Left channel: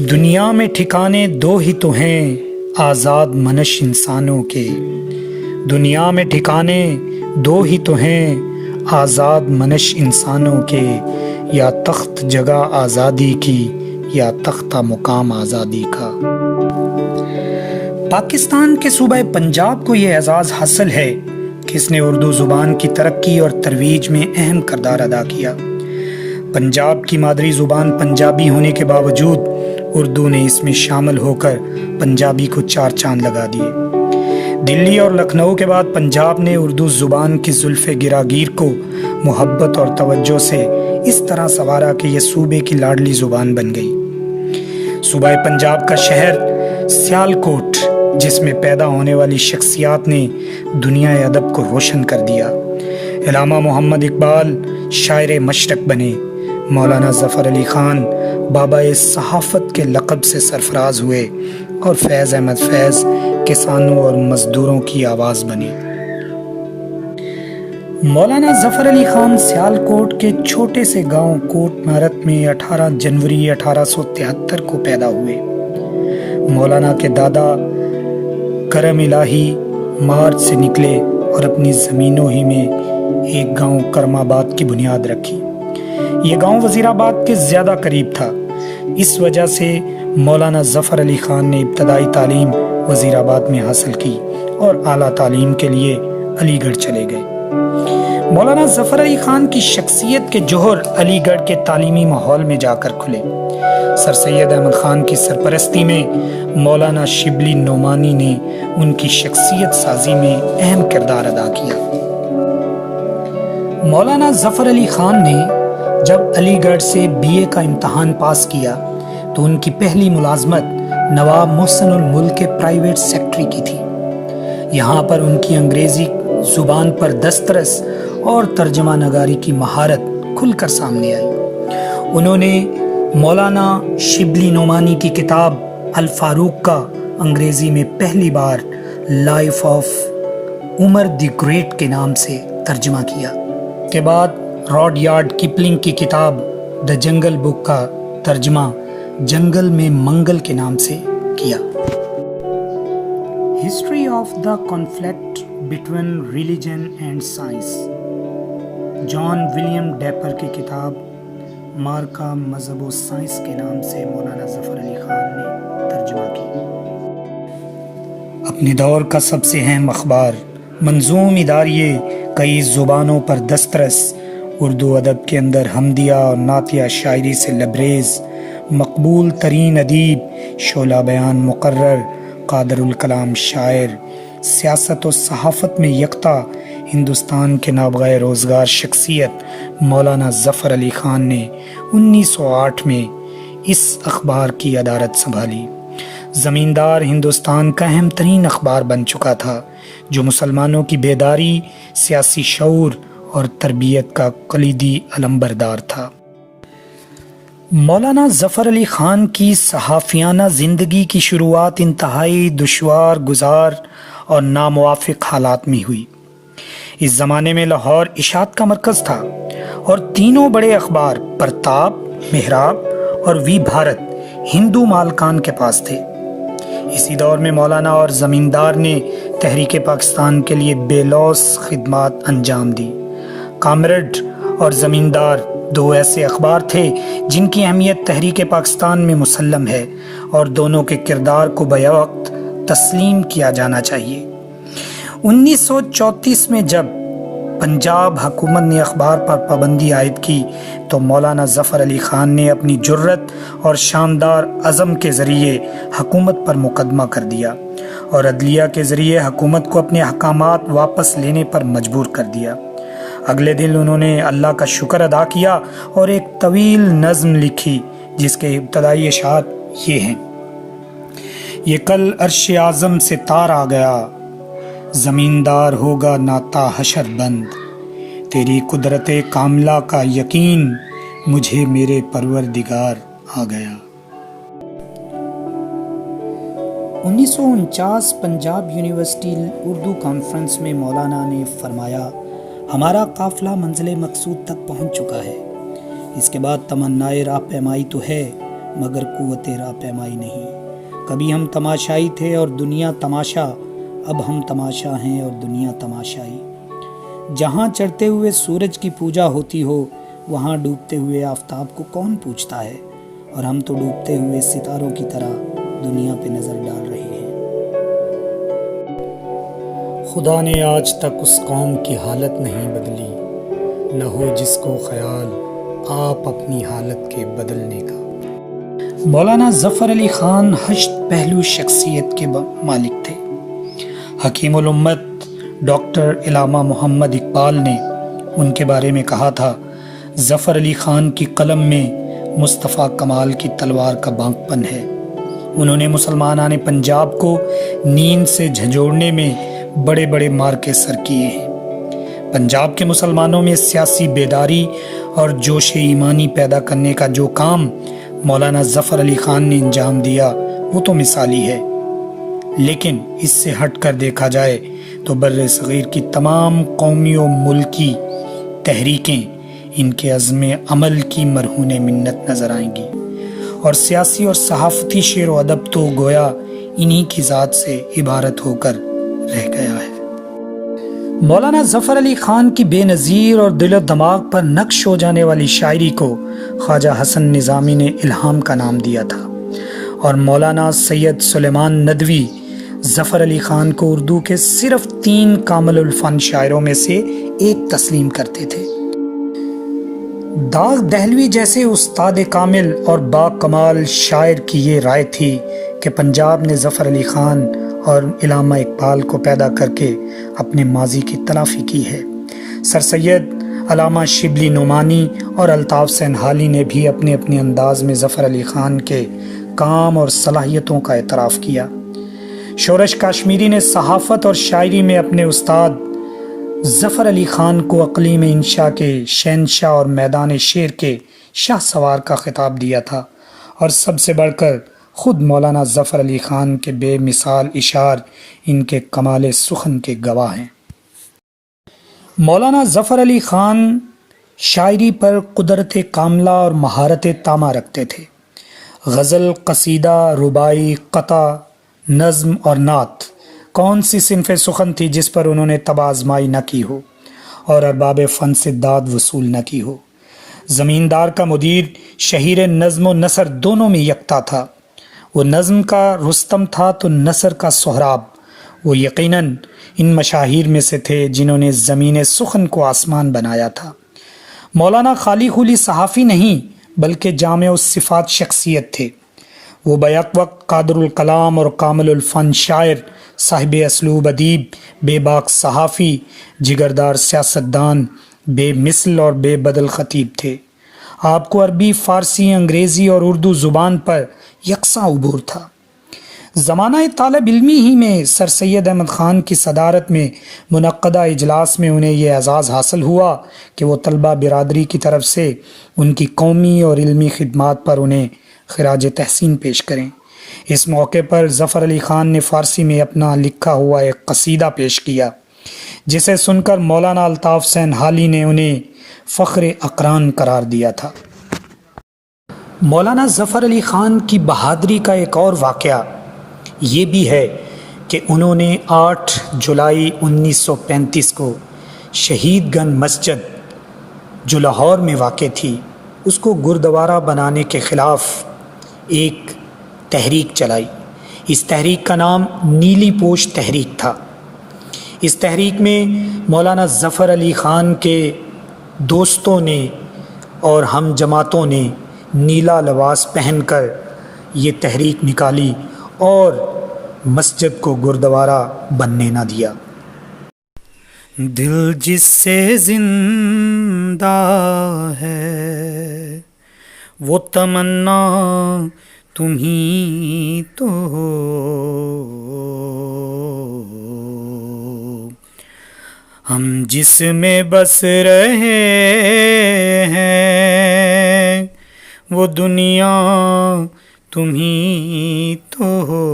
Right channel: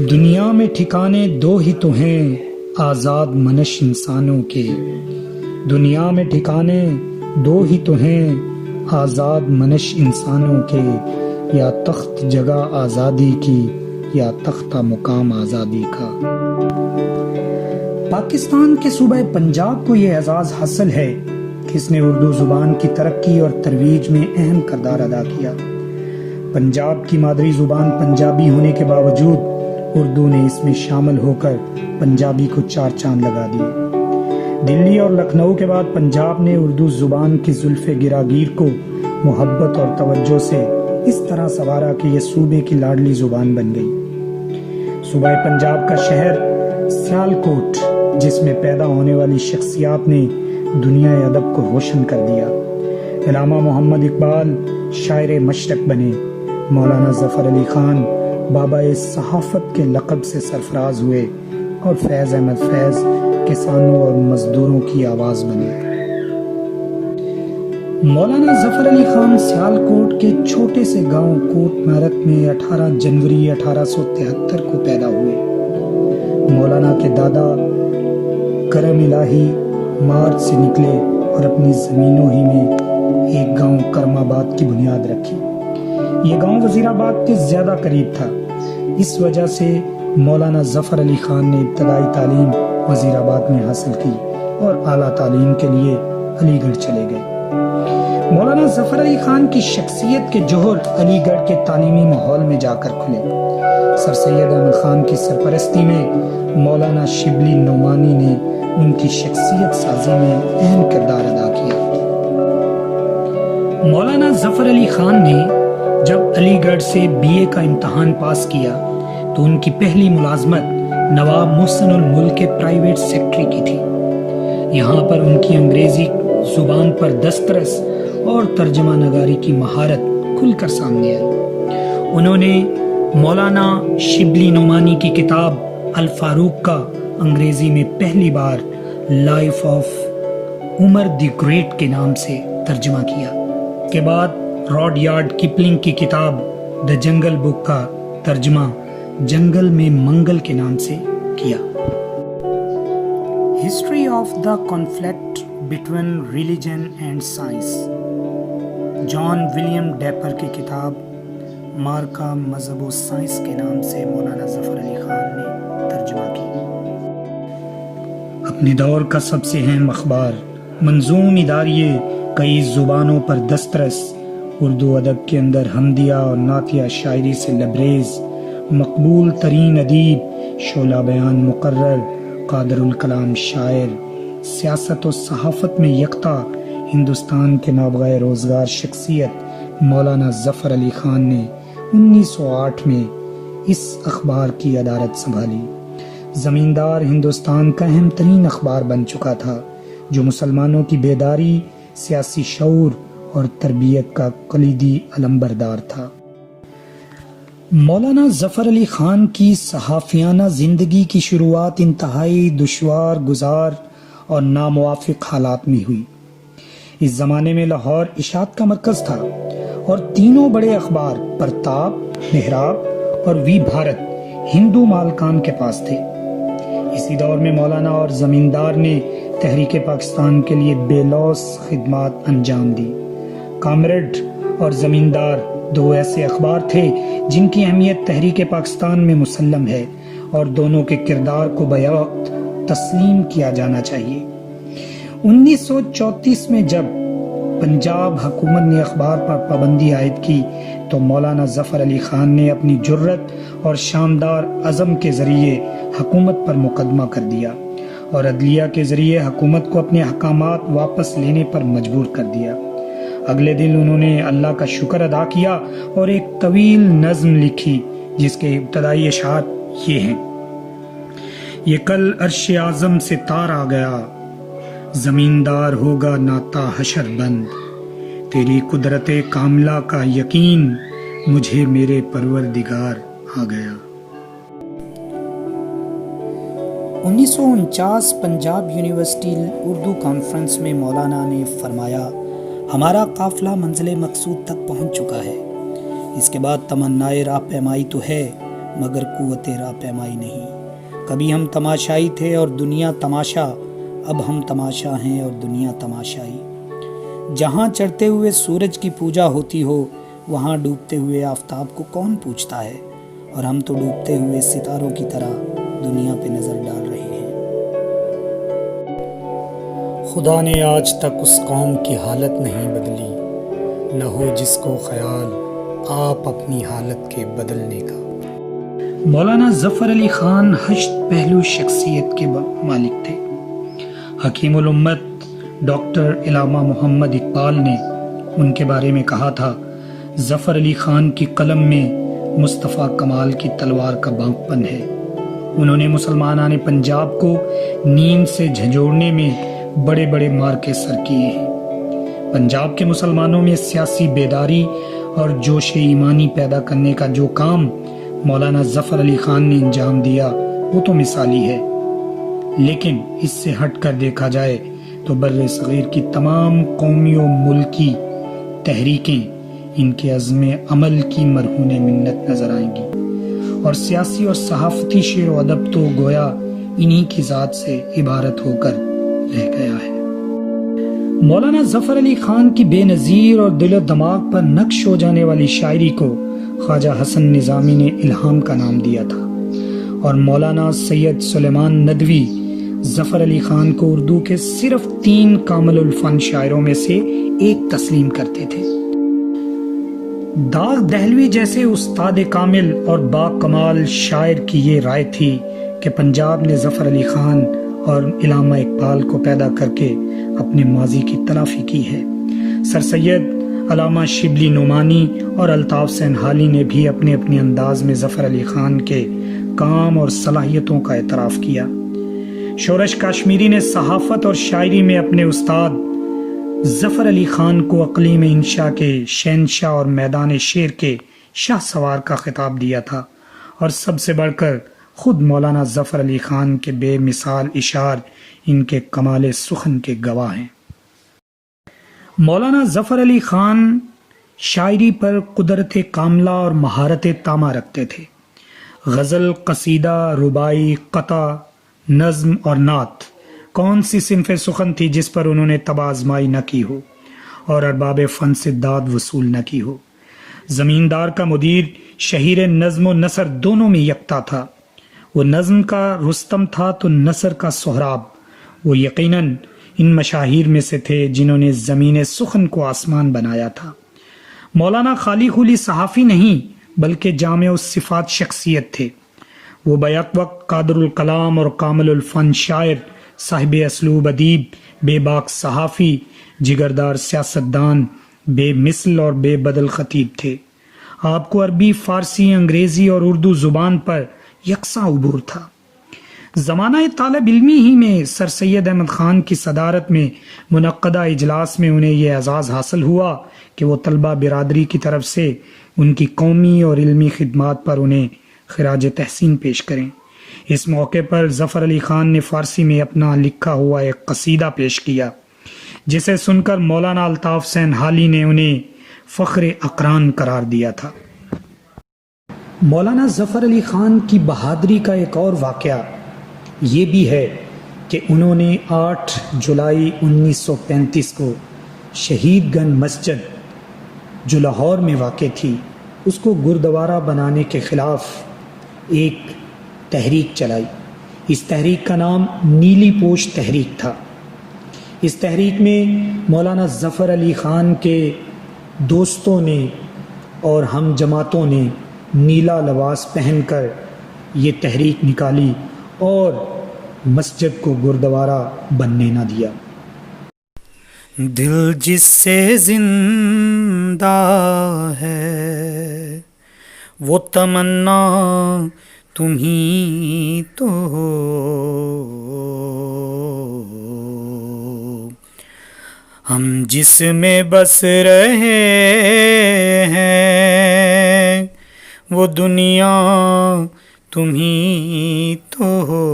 دنیا میں ٹھکانے دو ہی تو ہیں آزاد منش انسانوں کے، دنیا میں ٹھکانے دو ہی تو ہیں آزاد منش انسانوں کے، یا تخت جگہ آزادی کی یا تختہ مقام آزادی کا۔ پاکستان کے صوبہ پنجاب کو یہ اعزاز حاصل ہے کہ اس نے اردو زبان کی ترقی اور ترویج میں اہم کردار ادا کیا۔ پنجاب کی مادری زبان پنجابی ہونے کے باوجود اردو نے اس میں شامل ہو کر پنجابی کو چار چاند لگا دیے۔ دلی اور لکھنؤ کے بعد پنجاب نے اردو زبان کی زلف گراگیر کو محبت اور توجہ سے اس طرح سنوارا کہ یہ صوبے کی لاڈلی زبان بن گئی۔ صوبہ پنجاب کا شہر سیالکوٹ، جس میں پیدا ہونے والی شخصیات نے دنیا ادب کو روشن کر دیا۔ علامہ محمد اقبال شاعر مشرق بنے، مولانا ظفر علی خان بابا صحافت کے لقب سے سرفراز ہوئے، اور فیض احمد فیض کسانوں اور مزدوروں کی آواز بنے۔ مولانا ظفر علی خان سیالکوٹ کے چھوٹے سے گاؤں کوٹ مارت میں 18 جنوری 1873 کو پیدا ہوئے۔ مولانا کے دادا کرم الہی مارچ سے نکلے اور اپنی زمینوں ہی میں ایک گاؤں کرم آباد کی بنیاد رکھی۔ یہ گاؤں وزیر آباد کے زیادہ قریب تھا، اس وجہ سے مولانا ظفر علی خان نے ابتدائی تعلیم وزیر آباد میں حاصل کی اور اعلیٰ تعلیم کے لیے علی گڑھ چلے گئے۔ مولانا ظفر علی خان کی شخصیت کے جوہر علی گڑھ کے تعلیمی ماحول میں جا کر کھلے۔ سر سید احمد خان کی سرپرستی میں مولانا شبلی نعمانی نے ان کی شخصیت سازی میں اہم کردار ادا کیا۔ مولانا ظفر علی خان نے جب علی گڑھ سے BA کا امتحان پاس کیا تو ان کی پہلی ملازمت نواب محسن الملک کے پرائیویٹ سیکٹری کی تھی۔ یہاں پر ان کی انگریزی زبان پر دسترس اور ترجمہ نگاری کی مہارت کھل کر سامنے آئی۔ انہوں نے مولانا شبلی نعمانی کی کتاب الفاروق کا انگریزی میں پہلی بار life of Umar the great کے نام سے ترجمہ کیا۔ کے بعد راڈ یارڈ کپلنگ کی کتاب دی جنگل بک کا ترجمہ جنگل میں منگل کے نام سے کیا۔ History of the conflict between religion and science, John William Draper کی کتاب مارکا مذہب و سائنس کے نام سے مولانا ظفر علی خان نے ترجمہ کی۔ اپنے دور کا سب سے اہم اخبار منظوم اداریے کئی زبانوں پر دسترس، اردو ادب کے اندر حمدیہ اور نعتیہ شاعری سے لبریز، مقبول ترین ادیب، شعلہ بیان مقرر، قادر الکلام شاعر، سیاست و صحافت میں یکتا ہندوستان کے نابغہ روزگار شخصیت مولانا ظفر علی خان نے 1908 میں اس اخبار کی ادارت سنبھالی۔ زمیندار ہندوستان کا اہم ترین اخبار بن چکا تھا، جو مسلمانوں کی بیداری، سیاسی شعور اور تربیت کا کلیدی علمبردار تھا۔ مولانا ظفر علی خان کی صحافیانہ زندگی کی شروعات انتہائی دشوار گزار اور ناموافق حالات میں ہوئی۔ اس زمانے میں لاہور اشاعت کا مرکز تھا اور تینوں بڑے اخبار پرتاپ، محراب اور وی بھارت ہندو مالکان کے پاس تھے۔ اسی دور میں مولانا اور زمیندار نے تحریک پاکستان کے لیے بے لوث خدمات انجام دی۔ کامریڈ اور زمیندار دو ایسے اخبار تھے جن کی اہمیت تحریک پاکستان میں مسلم ہے اور دونوں کے کردار کو بیوقت تسلیم کیا جانا چاہیے۔ 1934 میں جب پنجاب حکومت نے اخبار پر پابندی عائد کی تو مولانا ظفر علی خان نے اپنی جرت اور شاندار عزم کے ذریعے حکومت پر مقدمہ کر دیا اور عدلیہ کے ذریعے حکومت کو اپنے احکامات واپس لینے پر مجبور کر دیا۔ اگلے دن انہوں نے اللہ کا شکر ادا کیا اور ایک طویل نظم لکھی جس کے ابتدائی اشعار یہ ہیں: یہ کل عرش اعظم سے تار آ گیا، زمیندار ہوگا ناتا حشر بند، تیری قدرت کاملہ کا یقین مجھے میرے پروردگار آ گیا۔ 1949 پنجاب یونیورسٹی اردو کانفرنس میں مولانا نے فرمایا، ہمارا قافلہ منزل مقصود تک پہنچ چکا ہے، اس کے بعد تمنائے راہ پیمائی تو ہے मगर कुव्वत राह पैमाई नहीं। कभी हम तमाशाई थे और दुनिया तमाशा, अब हम तमाशा हैं और दुनिया तमाशाई। जहाँ चढ़ते हुए सूरज की पूजा होती हो, वहाँ डूबते हुए आफताब को कौन पूछता है, और हम तो डूबते हुए सितारों की तरह दुनिया पे नजर डाल रहे हैं। खुदा ने आज तक उस कौम की हालत नहीं बदली, न हो जिसको ख्याल आप अपनी हालत के बदलने का। मौलाना ज़फ़र अली ख़ान हश्त पहलू शख्सियत के मालिक थे। हकीमुल उम्मत डॉक्टर इलामा मोहम्मद इकबाल ने उनके बारे में कहा था, ज़फ़र अली ख़ान की कलम में मुस्तफ़ा कमाल की तलवार का बांकपन है। उन्होंने मुसलमानाने पंजाब को नींद से झंझोड़ने में बड़े बड़े मार्के सर किए हैं। पंजाब के मुसलमानों में सियासी बेदारी और जोश ईमानी पैदा करने का जो काम मौलाना ज़फ़र अली ख़ान ने अंजाम दिया वो तो मिसाली है। लेकिन इससे हट कर देखा जाए तो बर्रे सग़ीर की तमाम कौमी और मुल्की तहरीकें इनके अज़्म अमल की मरहून मिन्नत नज़र आएंगी, और सियासी और सहाफ़ती शेर व अदब तो गोया इन्हीं की ज़ात से इबारत होकर रह गया है। मौलाना ज़फ़र अली ख़ान की बेनज़ीर और दिल दिमाग पर नक्श हो जाने वाली शायरी को ख्वाजा हसन निज़ामी ने इल्हाम का नाम दिया था, और मौलाना सैयद सुलेमान नदवी ज़फ़र अली ख़ान को उर्दू के सिर्फ 3 कामिलुल फ़न शायरों में से एक तस्लीम करते थे। दाग दहलवी जैसे उस्ताद कामिल और बाकमाल शायर की ये राय थी कि पंजाब ने ज़फ़र अली ख़ान और इलामा इकबाल को पैदा करके अपने माजी की तलाफ़ी की है। सर सैयद अलामा शिबली नुमानी और अल्ताफ़ सैनहाली ने भी अपने अपने अंदाज में ज़फ़र अली ख़ान के काम और सलाहियतों का एतराफ़ किया। शोरश काश्मीरी ने सहाफ़त और शायरी में अपने उस्ताद ज़फ़र अली ख़ान को अक़लीम इंशा के शहंशाह और मैदान शेर के शाह सवार का खिताब दिया था, और सबसे बढ़कर खुद मौलाना ज़फ़र अली ख़ान के बेमिसाल इशार इनके कमाल सुखन के गवाह हैं। मौलाना ज़फ़र अली ख़ान शायरी पर कुदरत कामला और महारत तामा रखते थे। गज़ल, कसीदा, रुबाई, कता, नज़्म और नात कौन सी सिनफ़े सुखन थी जिस पर उन्होंने तबाज़माई न की हो और अरबाब फ़न से दाद वसूल न की हो। ज़मींदार का मुदीर शहीर नज़्म व नसर दोनों में यकता था। वो नज़्म का रुस्तम था तो नसर का सोहराब। वो यकीनन इन मशाहिर में से थे जिन्होंने ज़मीन सुखन को आसमान बनाया था। मौलाना खाली खुली सहाफ़ी नहीं बल्कि जामे सिफ़ात शख्सियत थे। वो बैक वक्त कादरुल कलाम और कामिलुल फ़न शायर, साहिब असलूब अदीब, बेबाक सहाफ़ी, जिगरदार सियासतदान, बेमिसल और बेबदल ख़तीब थे। आपको अरबी, फ़ारसी, अंग्रेज़ी और उर्दू ज़ुबान पर यकसा उबूर था। ज़माना तालिब इल्मी ही में सर सैयद अहमद ख़ान की सदारत में मुनक़्क़दा इजलास में उन्हें यह एज़ाज़ हासिल हुआ कि वो तलबा बिरादरी की तरफ से उनकी कौमी और इल्मी खिदमात पर उन्हें खिराज तहसीन पेश करें। इस मौके पर ज़फ़र अली ख़ान ने फ़ारसी में अपना लिखा हुआ एक कसीदा पेश किया, जिसे सुनकर मौलाना अल्ताफ़ सैनहाली ने उन्हें फ़ख्र अक़रान करार दिया था। मौलाना ज़फ़र अली ख़ान की बहादुरी का एक और वाक़या ये भी है कि उन्होंने 8 जुलाई 1935 को शहीदगंज मस्जिद जो लाहौर में वाक़ थी उसको गुरुद्वारा बनाने के ख़िलाफ़ एक तहरीक चलाई। इस तहरीक का नाम नीली पोश तहरीक था। इस तहरीक में मौलाना ज़फ़र अली ख़ान के दोस्तों ने और हम जमातों ने नीला लिबास पहनकर ये तहरीक निकाली और मस्जिद को गुरुद्वारा बनने न दिया। दिल जिससे जिंदा है वो तमन्ना तुम ही तो हो, हम जिसमें बस रहे हैं वो दुनिया तुम ही तो हो।